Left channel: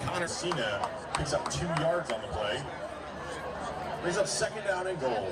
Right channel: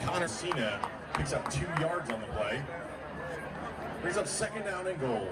Connor Cena picks up 2 yards on the play. Brings up 2nd down and goal.